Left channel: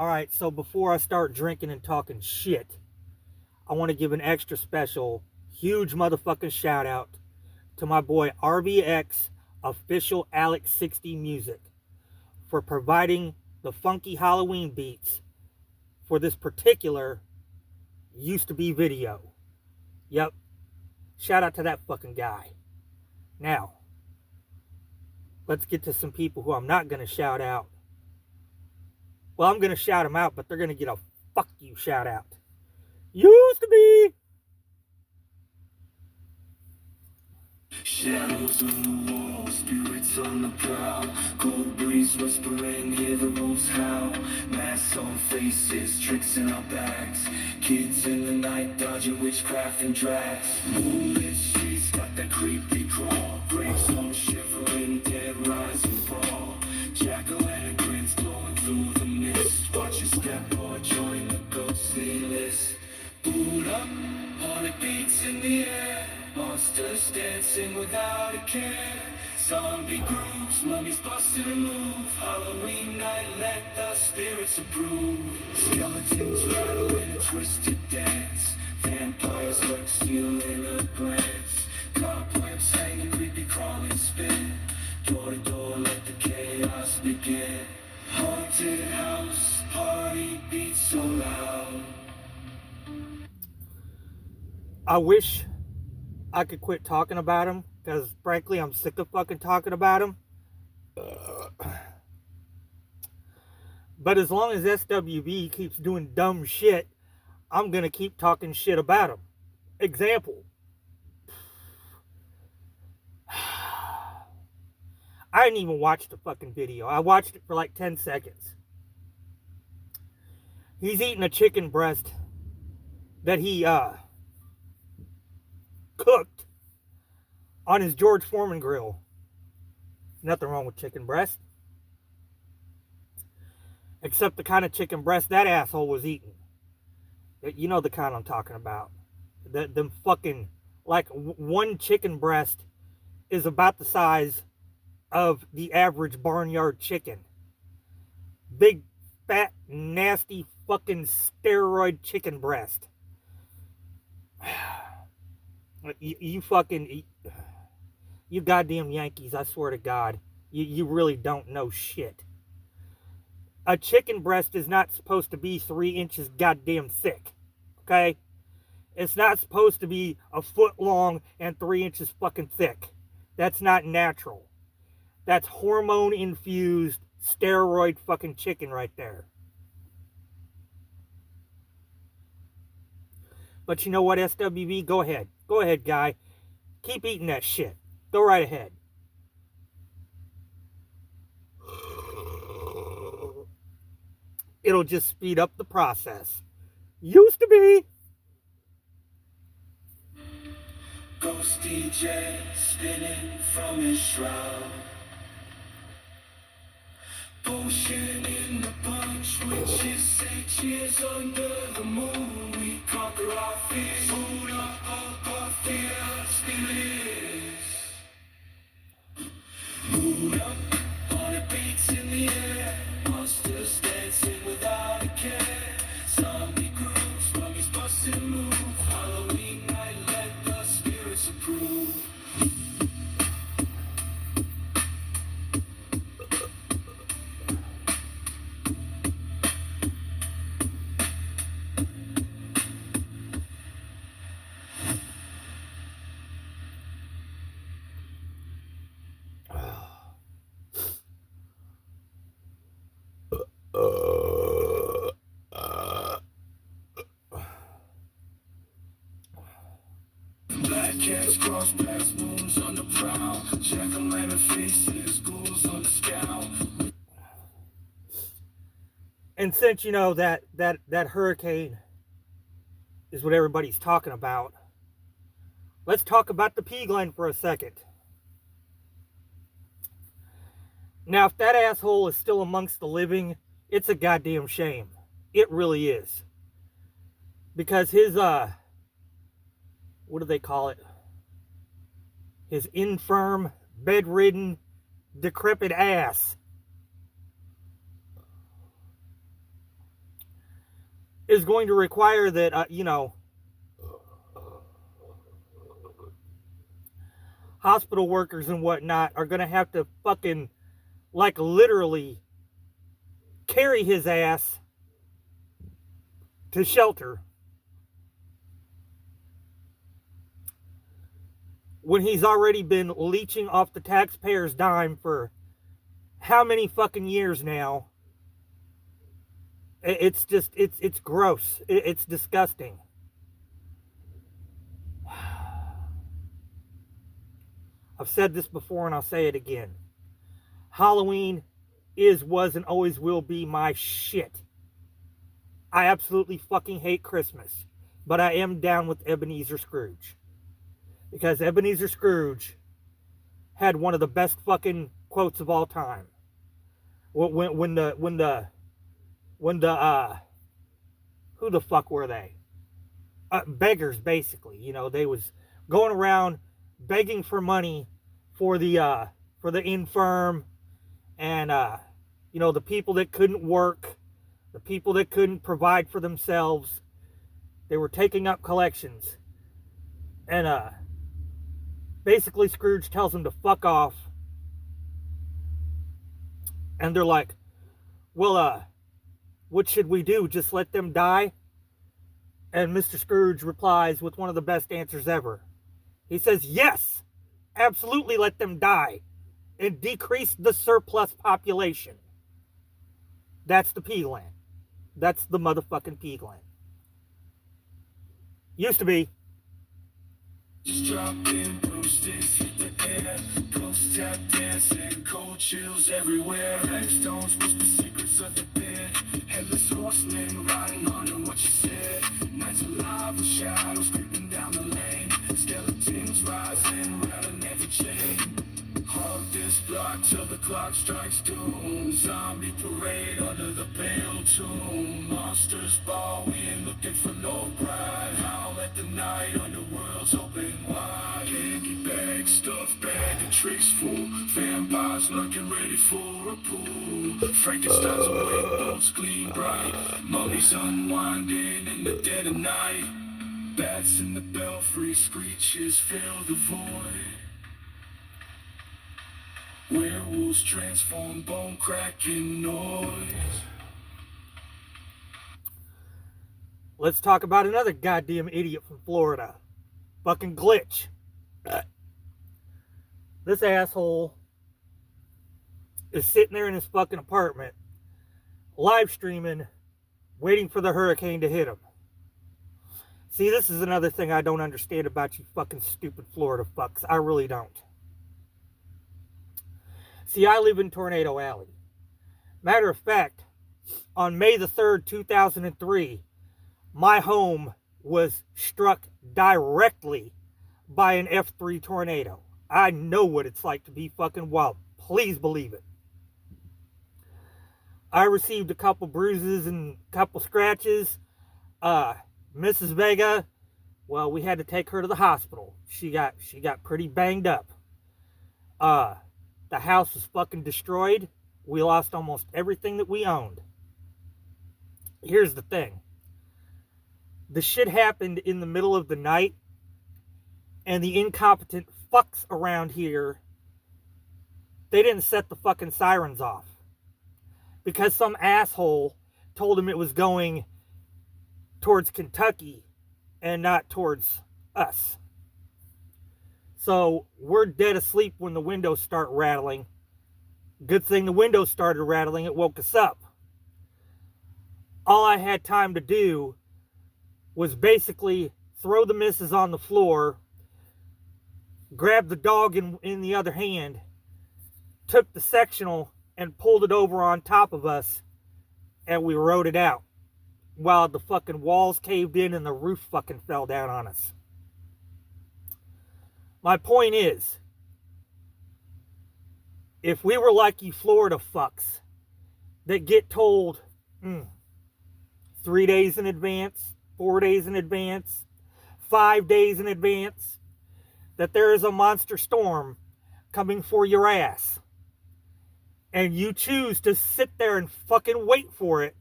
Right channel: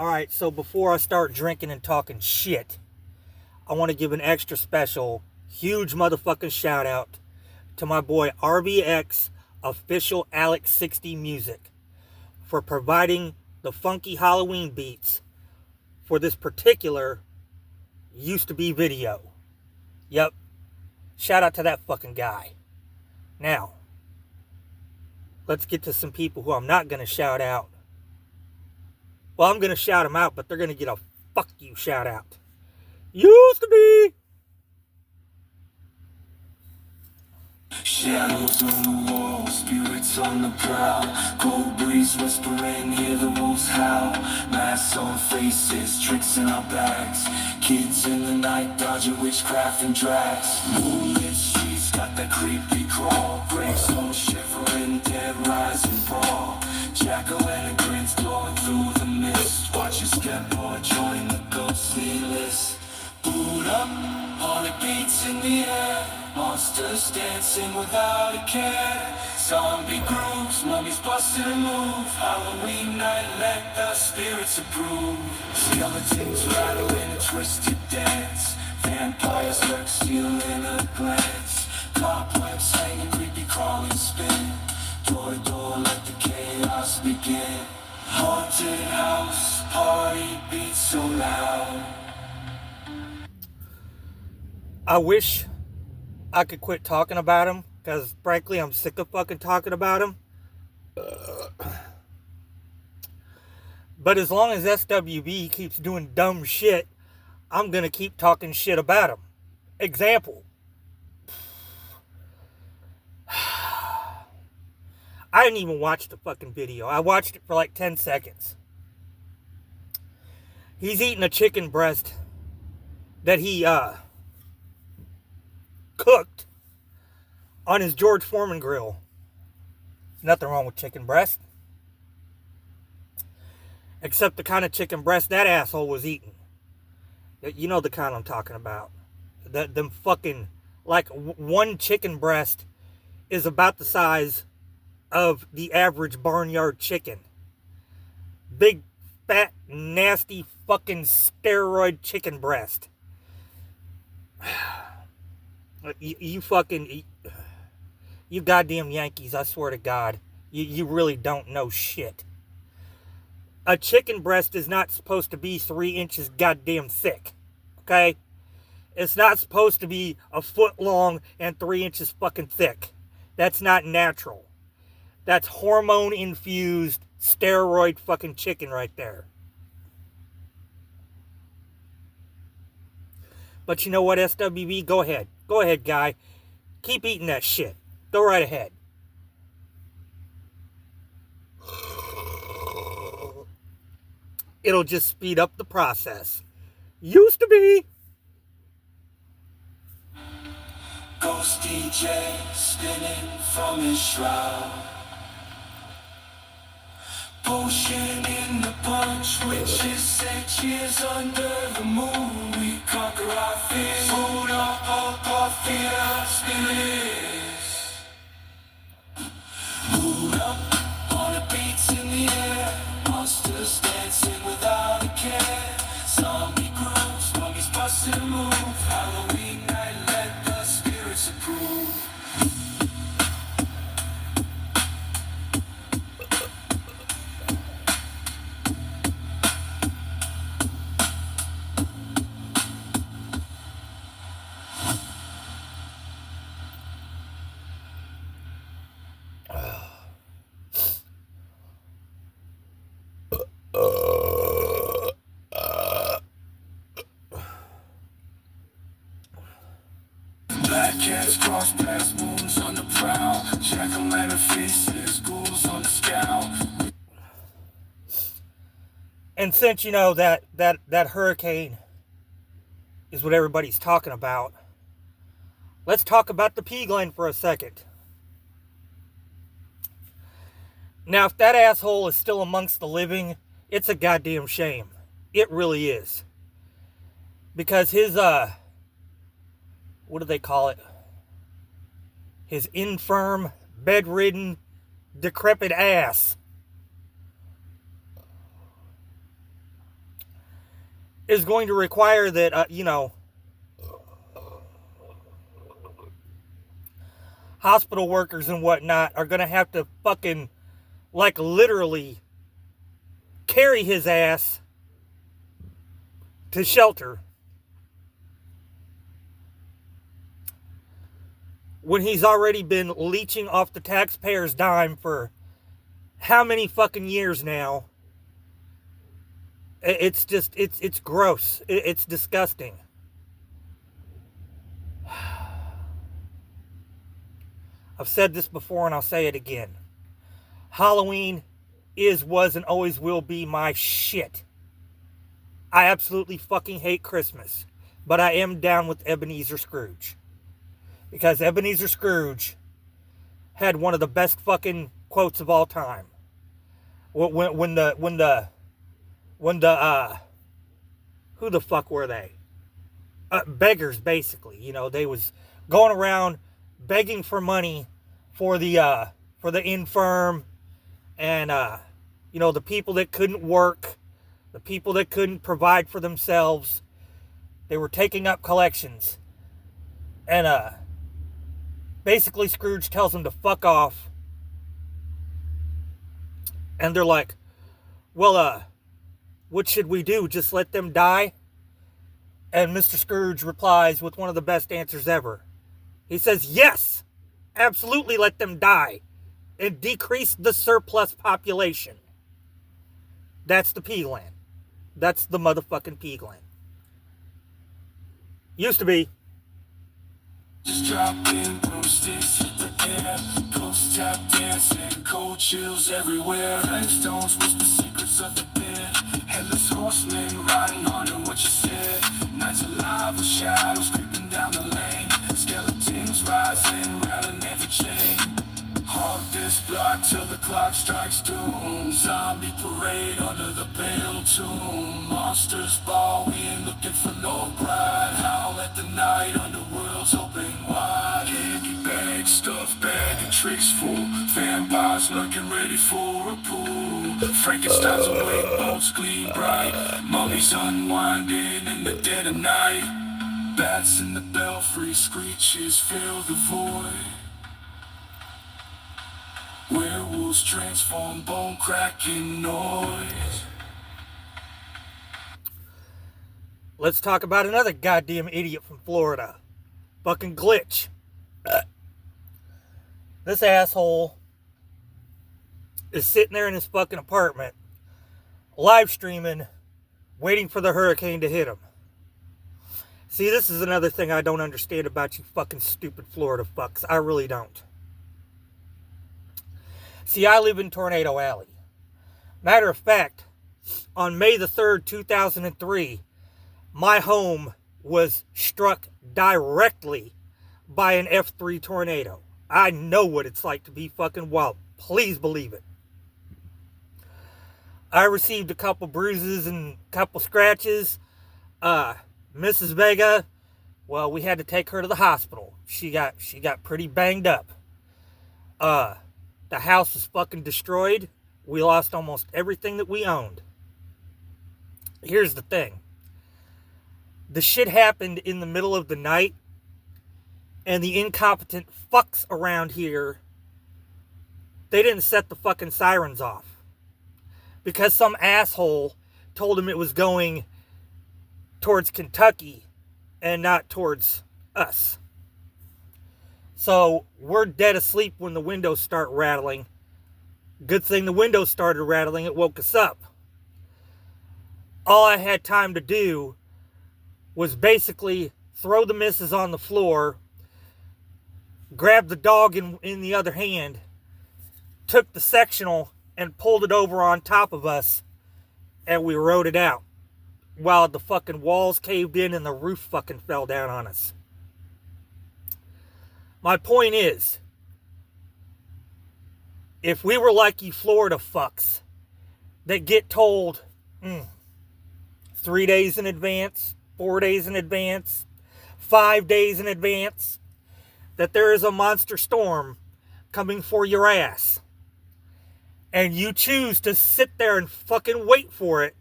Alright, so before I start drinking and talking shit, I want to give an extra special, huge motherfucking shout out to my boy RBX Official Alex 60 Music for providing the funky Halloween beats for this particular used to be video. Yep, shout out to that fucking guy. Now, let's get to some people who I'm not going to shout out. Well, I'm going to shout them out, but they're going to get a fuck you shout out. Used to be. Shadows on the wall, spirits on the prowl. Cold breeze whispering, hear the wolves howl. Masks on faces, tricks in our bags. Kids in the night dodging witchcraft and drags. Moonlit streets got that creepy crawl. Brakes on shivering, dead rise and fall. Jack-o'-lantern glowing through the mist. Watch your step or join the ghostly list. Boot up, heart beats in the air. Monsters dancing without a care. Zombie grooves, mummies busting a move. Halloween night, let the spirits approve. Skeletons rattle in a twisted dance. Vampires lurk, stealing a glance. Cobwebs hanging, creepy crawling spin. Door to door, let the chaos begin. Haunted house, party beats so loud. I wish I could quit talking about him, because frankly, I'm sick of fucking talking about him. But as long as SWB keeps doing dumb shit, I'm gonna keep talking shit about him. Example. I didn't even watch the fucking video. I watched it for like 10 seconds. He's eating a chicken breast that he cooked on his George Foreman grill. Nothing wrong with chicken breast. Except the kind of chicken breast that asshole was eating. You know the kind I'm talking about. Them fucking, like, one chicken breast is about the size of the average barnyard chicken. Big, fat, nasty, fucking steroid chicken breast. You fucking, you goddamn Yankees, I swear to God, you really don't know shit. A chicken breast is not supposed to be 3 inches goddamn thick, okay? It's not supposed to be a foot long and 3 inches fucking thick. That's not natural. That's hormone infused steroid fucking chicken right there. But you know what, SWB? Go ahead. Go ahead, guy. Keep eating that shit. Go right ahead. It'll just speed up the process. Used to be. Ghost DJ spinning from his shroud. Potion in the punch, witches say cheers under the moon. We conquer our fears, hold up our fear, spirits. Boot up, heart beats in the air. Monsters dancing without a care. Zombie grooves, mummies busting a move. Halloween night, let the spirits approve. Black cats cross paths, moons on the prowl. Jack-o'-lantern faces, ghouls on the scowl. And since you know that hurricane is what everybody's talking about, let's talk about the P Glen for a second. Now, if that asshole is still amongst the living, it's a goddamn shame. It really is. Because his, what do they call it? His infirm, bedridden, decrepit ass is going to require that, hospital workers and whatnot are going to have to fucking, like, literally carry his ass to shelter when he's already been leeching off the taxpayer's dime for how many fucking years now. It's just, it's gross. It's disgusting. I've said this before and I'll say it again. Halloween is, was, and always will be my shit. I absolutely fucking hate Christmas. But I am down with Ebenezer Scrooge. Because Ebenezer Scrooge had one of the best fucking quotes of all time. When the who the fuck were they? Beggars, basically. You know, they was going around begging for money for the infirm and the people that couldn't work, the people that couldn't provide for themselves. They were taking up collections. And basically Scrooge tells them to fuck off. And they're like, well, what should we do? Just let them die? And Mr. Scrooge replies with one of the best answers ever. He says, yes, absolutely let them die and decrease the surplus population. That's the P-Land. That's the motherfucking P-Land. Used to be. Just drop in, broomsticks hit the air, ghost tap dancing, cold chills everywhere. Headstones whisper secrets of the dead. Headless horsemen riding on what you said. Nights alive with shadows creeping down the lane. Skeletons rising, rattling every chain. Haunt this block till the clock strikes doom. Zombie parade under the pale tomb. Monsters bawling, looking for no pride. Howl at the night, underworld's open wide. Candy bag, stuffed bag, and tricks full. Vampires lurking ready for a pool. Frankenstein's awake, bones gleam bright. Mummies unwinding in the dead of night. Bats in the belfry, screeches fill the void. Werewolves transform, bone cracking noise. Let's talk about another goddamn idiot from Florida. Fucking Glitch. This asshole is sitting there in his fucking apartment, live streaming, waiting for the hurricane to hit him. See, this is another thing I don't understand about you fucking stupid Florida fucks. I really don't. See, I live in Tornado Alley. Matter of fact, on May the 3rd, 2003, my home was struck directly by an F3 tornado. I know what it's like to be fucking wild. Please believe it. I received a couple bruises and a couple scratches. Mrs. Vega, well, we had to take her to the hospital. She got pretty banged up. The house was fucking destroyed. We lost almost everything that we owned. Here's the thing. The shit happened in the middle of the night, and the incompetent fucks around here, they didn't set the fucking sirens off. Because some asshole told him it was going towards Kentucky and not towards us. So we're dead asleep when the windows start rattling. Good thing the windows started rattling. It woke us up. All I had time to do was basically throw the missus on the floor, grab the dog in the other hand, took the sectional and pulled it over on top of us, and we rode it out while the fucking walls caved in and the roof fucking fell down on us. My point is, if we were like you Florida fucks that get told 3 days in advance, 4 days in advance, 5 days in advance, that there is a monster storm coming for your ass, and you choose to sit there and fucking wait for it,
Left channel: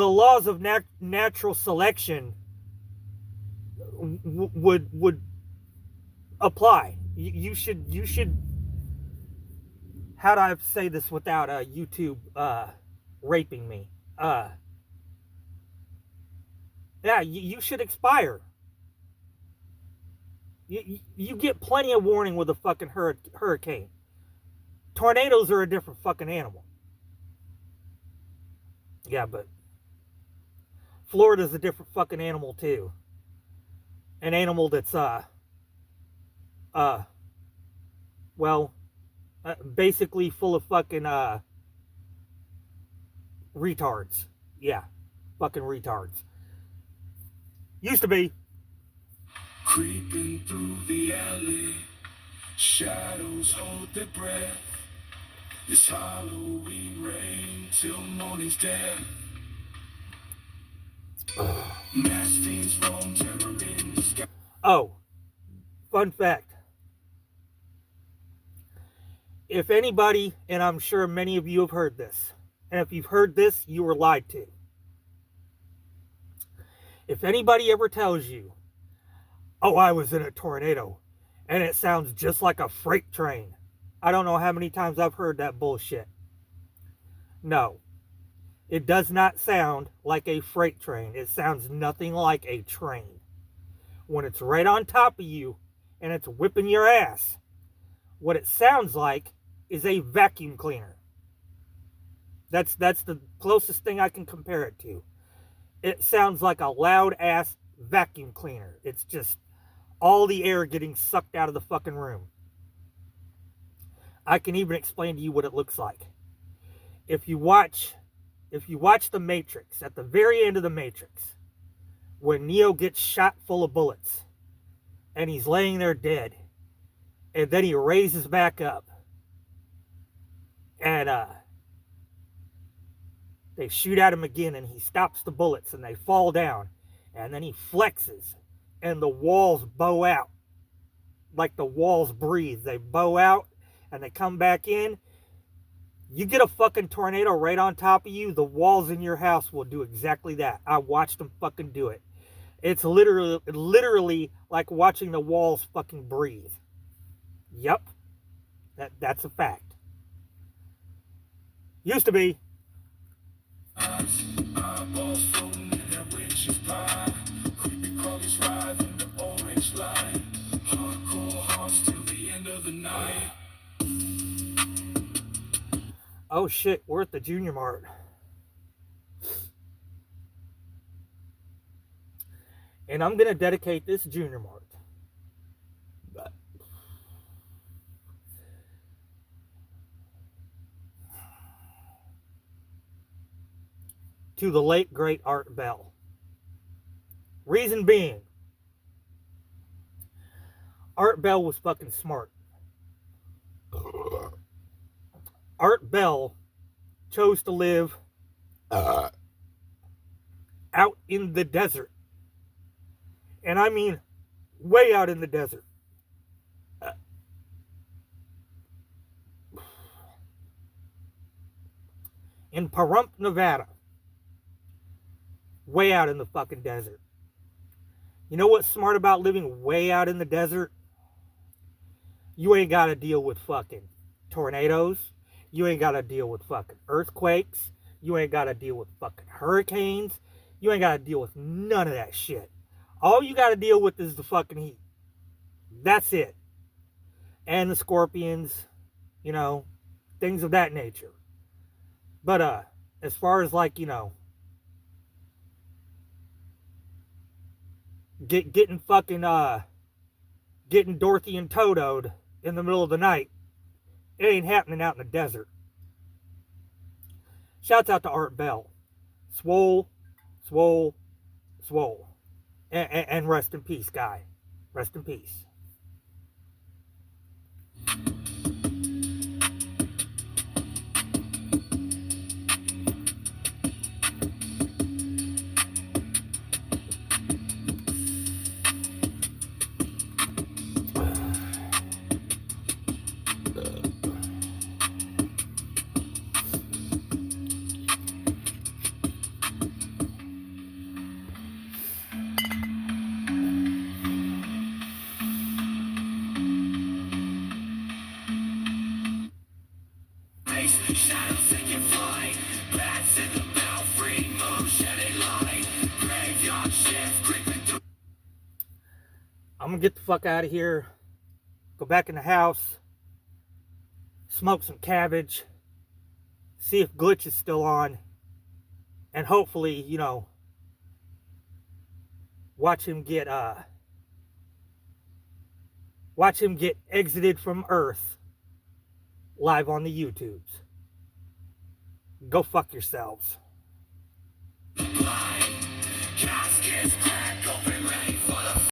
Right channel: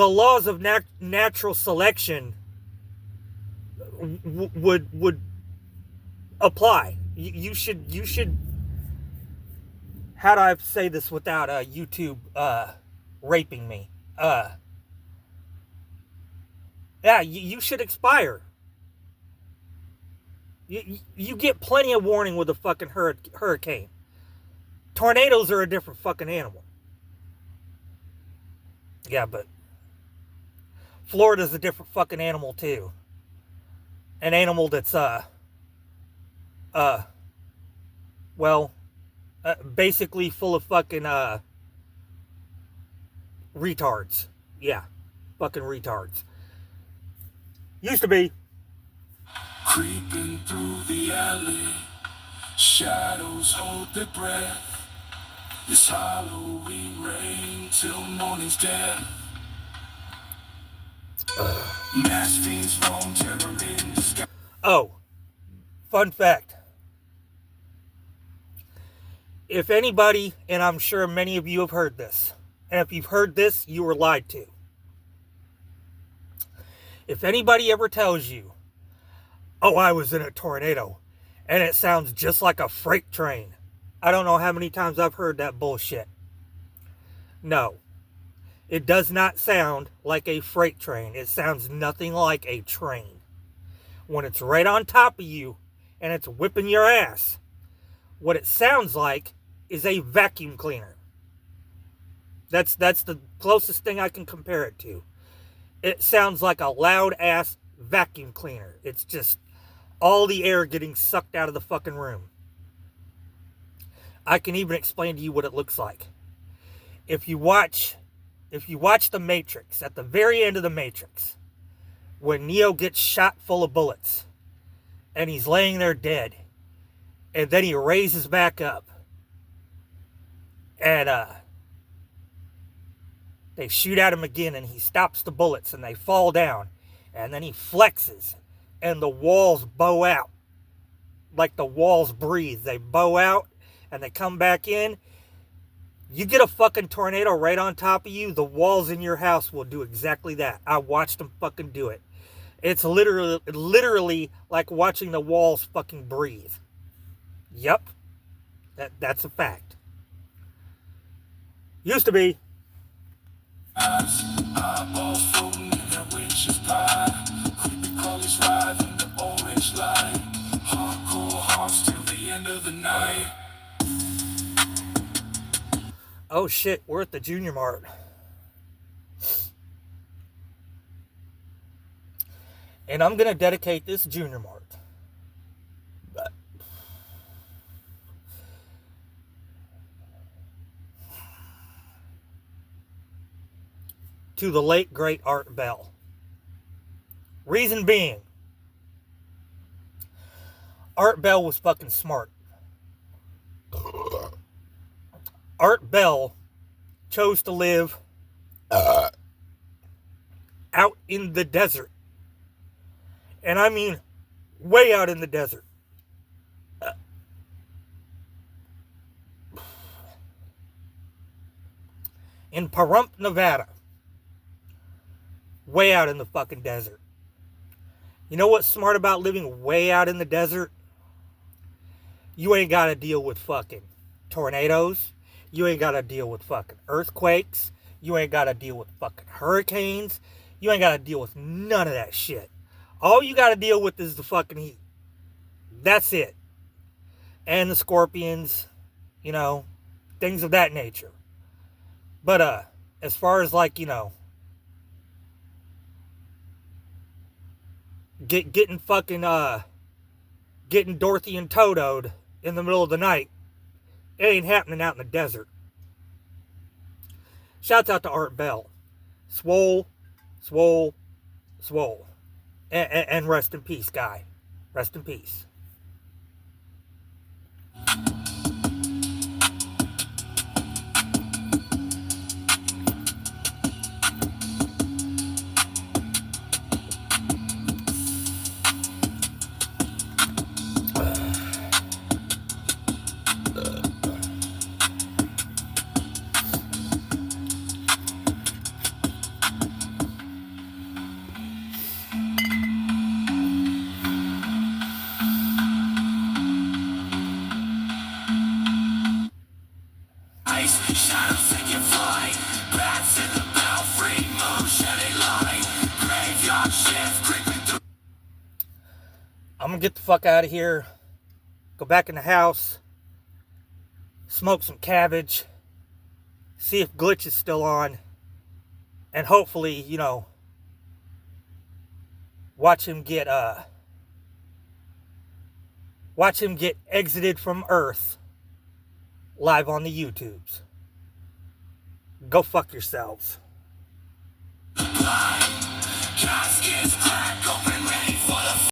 the laws of natural selection would apply. You should. How do I say this without YouTube raping me? Yeah, you should expire. You get plenty of warning with a fucking hurricane. Tornadoes are a different fucking animal. Yeah, but Florida's a different fucking animal too. An animal that's basically full of fucking retards. Yeah, fucking retards. Used to be. Creeping through the alley, shadows hold their breath. This Halloween rain till morning's dead. Mass fiends roam, terror in the sky. Oh, fun fact. If anybody, and I'm sure many of you have heard this, and if you've heard this, you were lied to. If anybody ever tells you, oh, I was in a tornado, and it sounds just like a freight train, I don't know how many times I've heard that bullshit. No. It does not sound like a freight train. It sounds nothing like a train. When it's right on top of you and it's whipping your ass, what it sounds like is a vacuum cleaner. That's the closest thing I can compare it to. It sounds like a loud ass vacuum cleaner. It's just all the air getting sucked out of the fucking room. I can even explain to you what it looks like. If you watch The Matrix, at the very end of The Matrix, when Neo gets shot full of bullets and he's laying there dead, and then he raises back up and they shoot at him again and he stops the bullets and they fall down, and then he flexes and the walls bow out like the walls breathe. They bow out and they come back in. You get a fucking tornado right on top of you, the walls in your house will do exactly that. I watched them fucking do it. It's literally like watching the walls fucking breathe. Yep. That's a fact. Used to be. Eyeballs floating in a witch's pie. Creepy crawlies riding the orange light. Hardcore hearts till the end of the night. Oh shit, we're at the Junior Mart. And I'm going to dedicate this Junior Mart to the late, great Art Bell. Reason being, Art Bell was fucking smart. Art Bell chose to live out in the desert. And I mean way out in the desert. In Pahrump, Nevada. Way out in the fucking desert. You know what's smart about living way out in the desert? You ain't got to deal with fucking tornadoes. You ain't got to deal with fucking earthquakes. You ain't got to deal with fucking hurricanes. You ain't got to deal with none of that shit. All you got to deal with is the fucking heat. That's it. And the scorpions, you know, things of that nature. But as far as like, you know, getting Dorothy and Totoed in the middle of the night, it ain't happening out in the desert. Shouts out to Art Bell. Swole. And rest in peace, guy. Rest in peace. Shadows taking flight, bats in the belfry, moon shedding light, graveyard shift creeping through. I'm gonna get the fuck out of here, go back in the house, smoke some cabbage, see if Glitch is still on, and hopefully, you know, watch him get exited from Earth live on the YouTubes. Go fuck yourselves. Caskets